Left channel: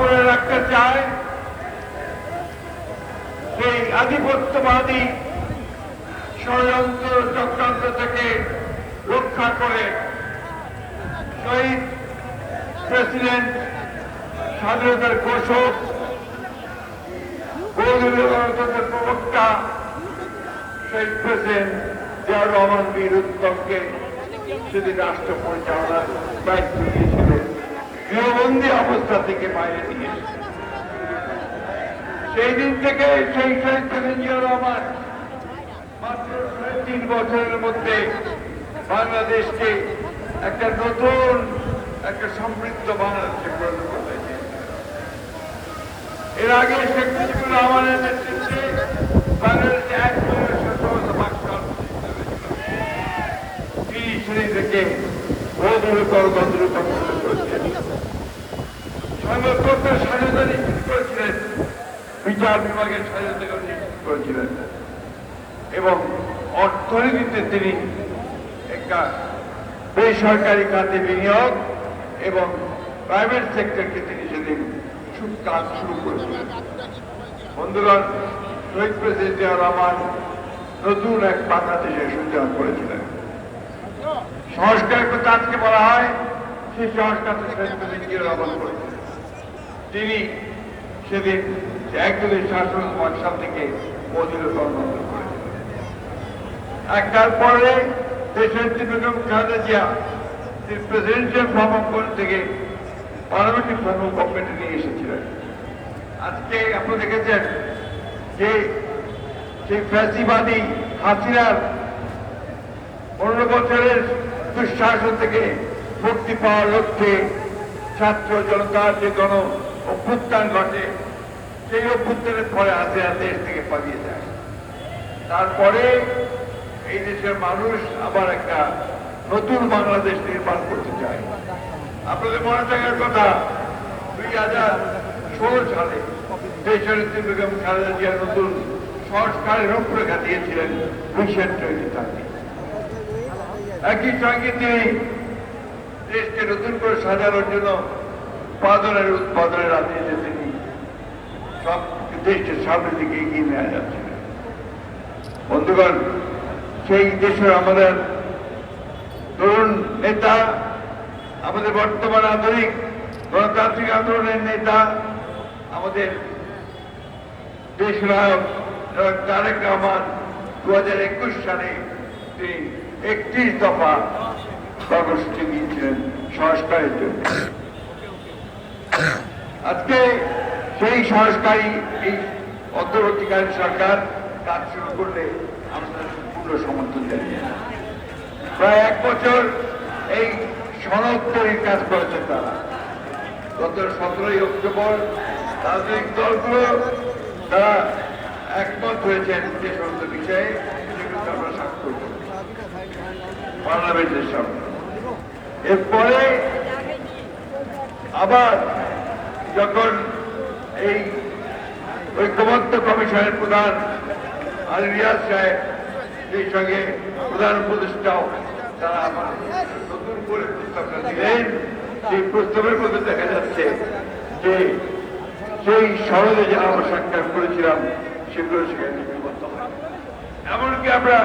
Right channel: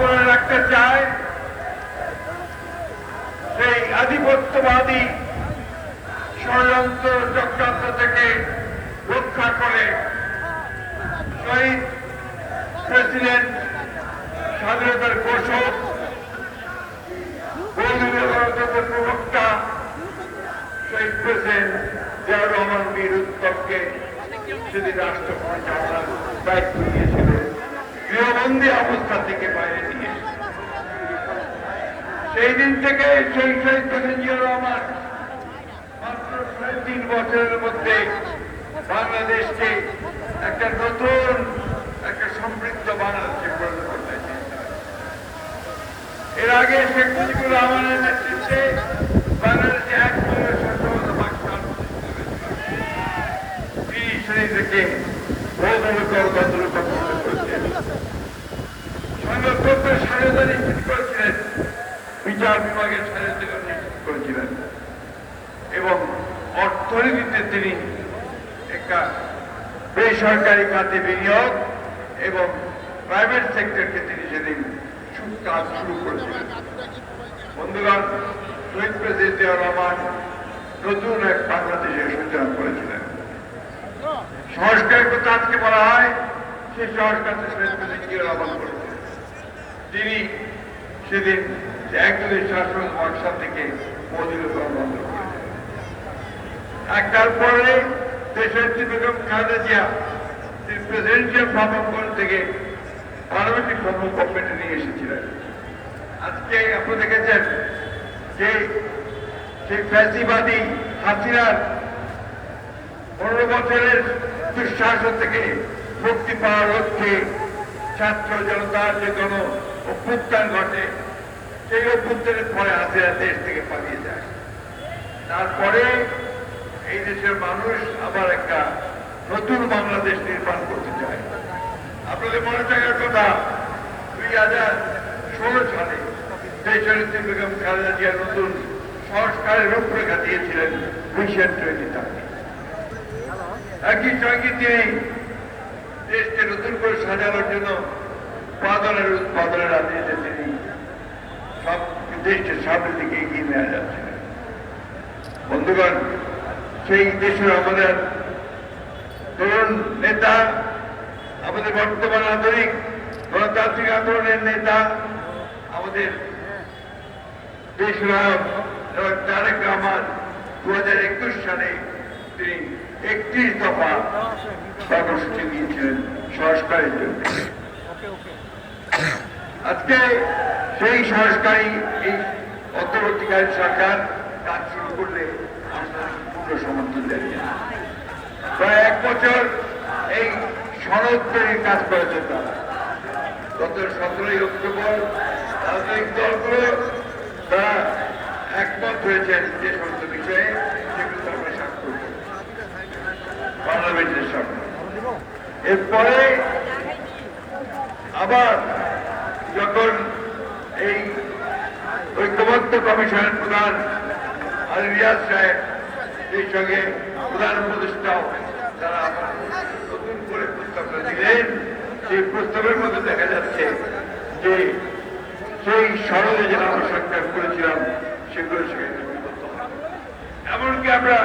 বলে রাখতে চায়, সেই আধিপত্যবাদী ষড়যন্ত্র চক্রান্ত থেকে রক্ষা করে শহীদ প্রেসিডেন্ট স্বাধীনতার ঘোষক বহুদলীয় গণতন্ত্রের প্রবক্তা শহীদ প্রেসিডেন্ট জিয়াউর রহমান বীর উত্তমকে সেদিন রাষ্ট্র পরিচালনার দায়িত্ব দিয়েছিল গৃহবন্দী অবস্থা থেকে বাইরে নিয়ে সেই দিন থেকে সেই শহীদ জিয়াউর রহমান মাত্র সাড়ে তিন বছরের মধ্যে বাংলাদেশকে একটা নতুন, একটা সমৃদ্ধ বাংলাদেশে পরিণত করতে এর আগে শেখ মুজিবুর রহমানের নেতৃত্বে বাংলাদেশে এক মিলিয়ন সশস্ত্র পাকিস্তান তিনি সেই থেকে গণতন্ত্র প্রতিষ্ঠিত করেছেন সংবাদপত্রের স্বাধীনতা নিশ্চিত করেছিলেন। বিচার বিভাগের নিশ্চিত করেছিলেন। এবং অর্থনীতিতে তিনি একটা বেসরকারি খাতে বিনিয়োগ এবং প্রাইভেট সেক্টরকে তিনি সেদিন কাজ শুরু করেছিলেন। বন্ধুগণ, শহীদ প্রেসিডেন্ট জিয়াউর রহমান নতুন এক বাংলাদেশের সূচনা করেছিলেন। সংস্কার করতে আজকে বলা হয়, সেই সংস্কারটা শহীদ প্রেসিডেন্ট জিয়াউর রহমান করেছিলেন তিনি সেদিন একজনের শাসন বাক্সা থেকে অধীনকরণ বন্ধ করেছিলেন একটার পরে দেশের বেগম খালেদা জিয়া তিনি প্রেসিডেন্সিয়াল ফর্ম অফ থেকে পার্লামেন্টারি ফর্ম গভর্নমেন্টে নিয়ে এসেছিলেন। আজকে আপনারা দেখেছেন যে সেই ফ্যাসিবাদী হাসিনার পনেরো বছরের দুঃশাসন থেকে মুক্তি পাওয়ার লক্ষ্যে ছাত্র জনতার যে গণ অভ্যুত্থান ঘটে, সেই অভ্যুত্থানের পরে হাসিনা দেশ থেকে পালিয়ে যায়। তারপরে এই দেশের মানুষ আবার একটা নতুন বাংলাদেশ নির্মাণ করতে চায় আপনাদের মনে থাকার কথা, দুই হাজার ষোলো সালে দেশনেত্রী বেগম খালেদা জিয়া নতুন সংস্কারের রূপরেখা দিয়েছিলেন ভিশন টোয়েন্টি থার্টি একই সঙ্গে তিনি দেশকে নতুন করে সাজানোর জন্য উৎপাদনের উৎপাদনের রাজনীতিতে তিনি সব দেশকে সামনের দিকে এগিয়ে নেওয়া যাচ্ছে বন্ধুগণ, সেই দেশের আমাদের তরুণ নেতা, আমাদের বর্তমান আধুনিক গণতান্ত্রিক আন্দোলনের নেতা, আমাদের দেশ নায়ক তারেক রহমান দু হাজার একুশ সালে তিনি একত্রিশ দফা কর্মসূচি দিয়েছিলেন সংস্কারের জন্য। আজকে সেই সংস্কারী এই অন্তর্বর্তীকালীন সরকার কাজ শুরু করলে পূর্ণ সমর্থন জানিয়ে প্রায় এক বছর এই সনদ তৈরির কাজ করেছেন তারা। গত সতেরোই অক্টোবর রাজনৈতিক দলগুলো তারা একমত হয়েছেন যে সমস্ত বিষয়ে সেগুলো আমরা স্বাক্ষর করব। পার্লামেন্টের সামনে। এরপরে আবার যখন এই ঐক্যবদ্ধ কমিশনের প্রধান আল রিয়াজ সাহেব, সেই সঙ্গে প্রধান উপদেষ্টাও তারা আবার নতুন করে প্রস্তাবটা দিলেন। সেই প্রস্তাবের মধ্যে দেখা যাচ্ছে যে সেই সরলে যারা আমরা সাক্ষাৎ করেছিলাম, সেগুলো সেখানে লিপিবদ্ধ হয়। এমনকি আমরা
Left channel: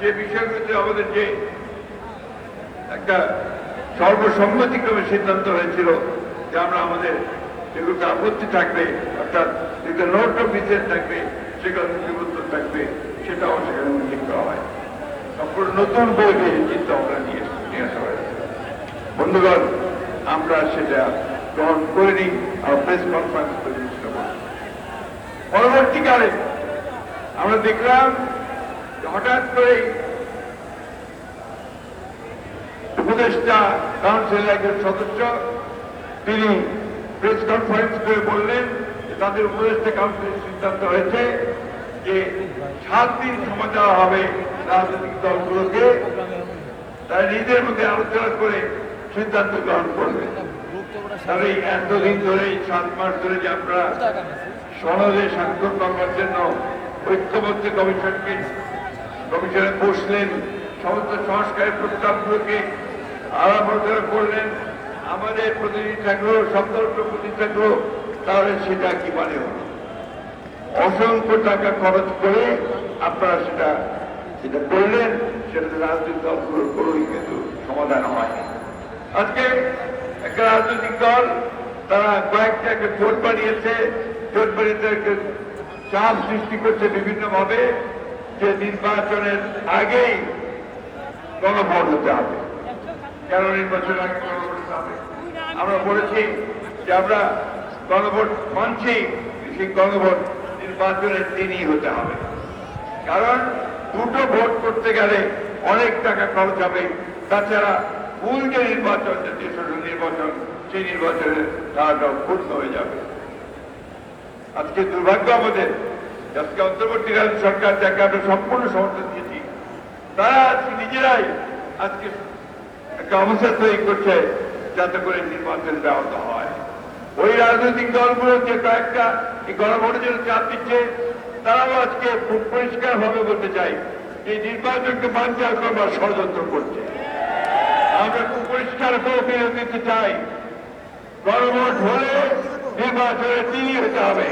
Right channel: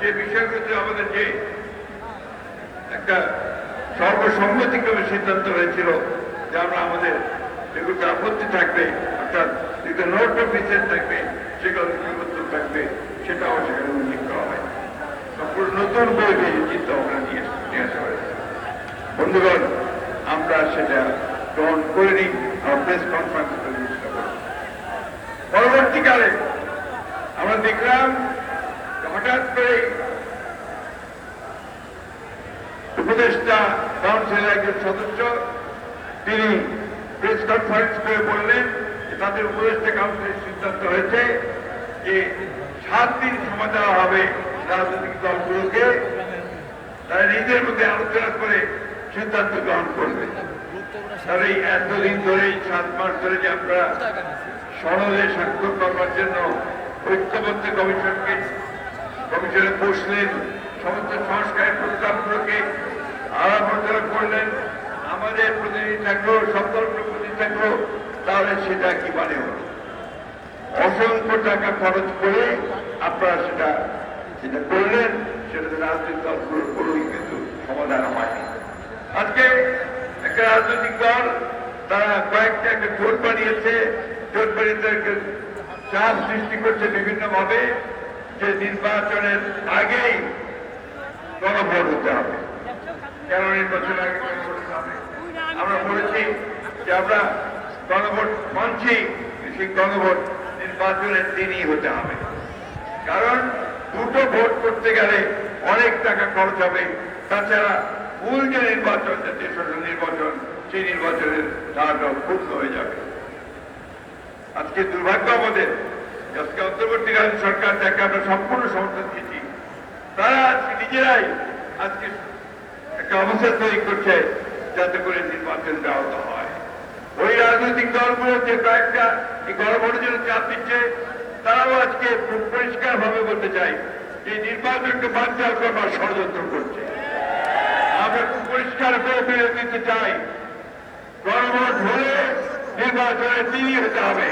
যে বিষয়গুলোতে আমাদের যে একটা সর্বসম্মতিক্রমে সিদ্ধান্ত হয়েছিল, যে আমরা আমাদের যেগুলোতে আপত্তি থাকবে, অর্থাৎ যেগুলো নোট অফ ডিসেন্ট থাকবে সেগুলো লিপিবদ্ধ থাকবে, সেটাও সেখানে উল্লেখ করা হয়। সম্পূর্ণ নতুন বইতে চিন্তা ভাবনা নিয়ে নিয়ে আসা হয়েছে। বন্ধুগণ, আমরা সেটা গ্রহণ করে নিই আমরা প্রেস কনফারেন্স করে পরবর্তীকালে আমরা দেখলাম হঠাৎ করে উপদেষ্টা কাউন্সিলের একজন সদস্য, তিনি প্রেস কনফারেন্স করে বললেন যে তাদের উপদেষ্টা কাউন্সিলের সিদ্ধান্ত হয়েছে যে সাত দিন সময় দেওয়া হবে রাজনৈতিক দলগুলোকে। তারা নিজেদের মধ্যে আলোচনা করে সিদ্ধান্ত গ্রহণ করবে। তার এই এতদিন ধরে সাত মাস ধরে যে আমরা সনদে স্বাক্ষর করবার জন্য ঐক্যবদ্ধ কমিশনকে, কমিশনে বসলেন, সমস্ত সংস্কারের প্রস্তাবগুলোকে আলাপ করলেন। আমাদের প্রতিনিধি থাকল সব দলের প্রতিনিধি থাকল, তাহলে সেটা কি মানে হলো? অসংখ্য টাকা খরচ করে আপনারা সেটা সেটা করলেন সেটা রাজনৈতিক দলগুলোর কোনোই কিন্তু সমাধান হয়নি। আজকে একটা রাজনৈতিক দল, তারা কয়েকটা একটা জোট বানিয়েছে, জোট বানিয়ে চাপ সৃষ্টি করছে বিভিন্ন ভাবে যে নির্বাচনের আগেই গণভোট হতে হবে। কেন নির্বাচনের আগে গণভোট আমরা বলেছি যে আমরা গণভোট মানছি, সেই গণভোট নির্বাচনের দিনই হতে হবে। কারণ দুটো ভোট করতে গেলে অনেক টাকা খরচ হবে। তাছাড়া মূল যে নির্বাচন জাতীয় সংসদ নির্বাচন, সেই নির্বাচনের ধারাটাও ক্ষুণ্ণ হয়ে যাবে। আজকে দুর্ভাগ্য আমাদের আজকে অন্তর্বর্তীকালীন সরকার যাকে আমরা সম্পূর্ণ সমর্থন দিয়েছি, তারা আজকে নিজেরাই আজকে একটা অবস্থা তৈরি করছে। যাতে করে নির্বাচন ব্যাহত হয়। ওই রাজনৈতিক দলগুলো যে কয়েকটা এই গণভোটের জন্য চাপ দিচ্ছে, তারাও আজকে খুব পরিষ্কার ভাবে বলতে চাই যে নির্বাচনকে বানচাল করবার ষড়যন্ত্র করছে। আমরা খুব পরিষ্কার করে বিরোধ দিতে চাই। গণভোট হলে নির্বাচনের তিনি হতে হবে।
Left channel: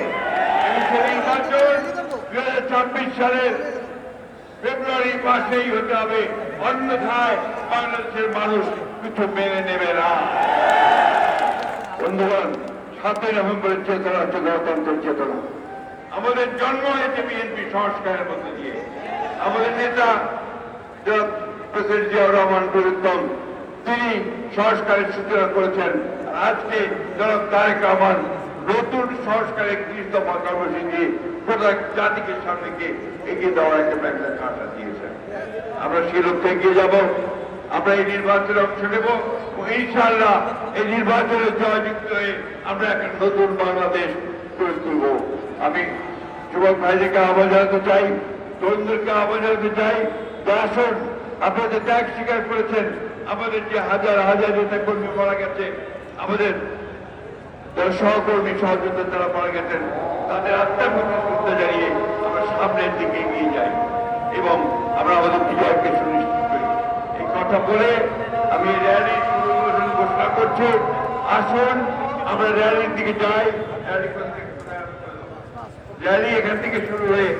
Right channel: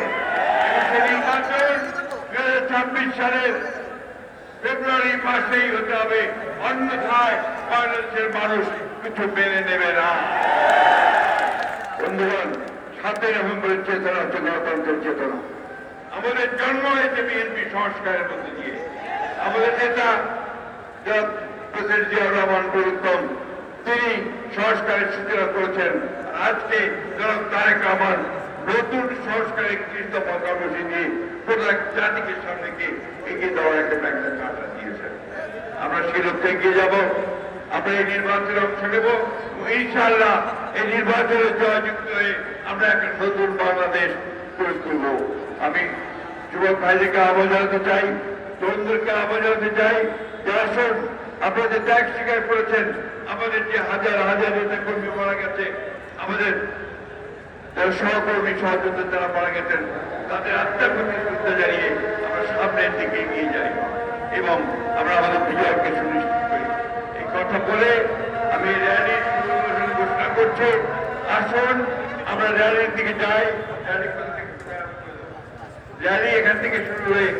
সেই নির্বাচন দু হাজার ছাব্বিশ সালের ফেব্রুয়ারি মাসেই হতে হবে। অন্যথায় বাংলাদেশের মানুষ কিছু মেনে নেবে না। বন্ধুগণ, সাতই নভেম্বরের চেতনা হচ্ছে গণতন্ত্রের চেতনা। আমাদের জন্ম হয়েছে বিএনপি সংস্কারের মধ্যে দিয়ে। আমাদের নেতা প্রেসিডেন্ট জিয়াউর রহমান বীরুত্তম, তিনি সংস্কারের সূচনা করেছেন। আজকে জনাব তারেক রহমান নতুন সংস্কার একত্রিশ দফা কর্মসূচি গোটা জাতিকে সামনে গিয়ে এগিয়ে দেওয়ার একটা ব্যাংকের কাটা দিয়েছেন। আমরা সেই লক্ষ্যে এগিয়ে যাব, আমরা এই নির্বাচনে অংশ নেব এবং ইনশাআল্লাহ এই নির্বাচনে জয়যুক্ত হয়ে আমরা একটা নতুন বাংলাদেশ গড়ে তুলব। আমি যুবক ভাইদেরকে আহ্বান জানাতে চাই তরুণদেরকে আহ্বান জানাতে চাই যে আসুন আপনারা যে ত্যাগ স্বীকার করেছেন, আমাদের যে হাজার হাজার নেতা কর্মী মারা গেছে, আমাদের যারা সহকর্মী সহযোদ্ধা তারা মারা গেছেন, তাদের আত্মার প্রতি শ্রদ্ধা জানিয়ে আমরা সামনের দিকে এগিয়ে যাই এবং আমরা আমাদের বিজয়কে সুনিশ্চিত করি এই কথা বলে আমি র্যালির শুরু ঘোষণা করছি আসুন, আমরা র্যালির দিকে যাই র্যালি? র্যালি এখান থেকে শুরু হয়ে?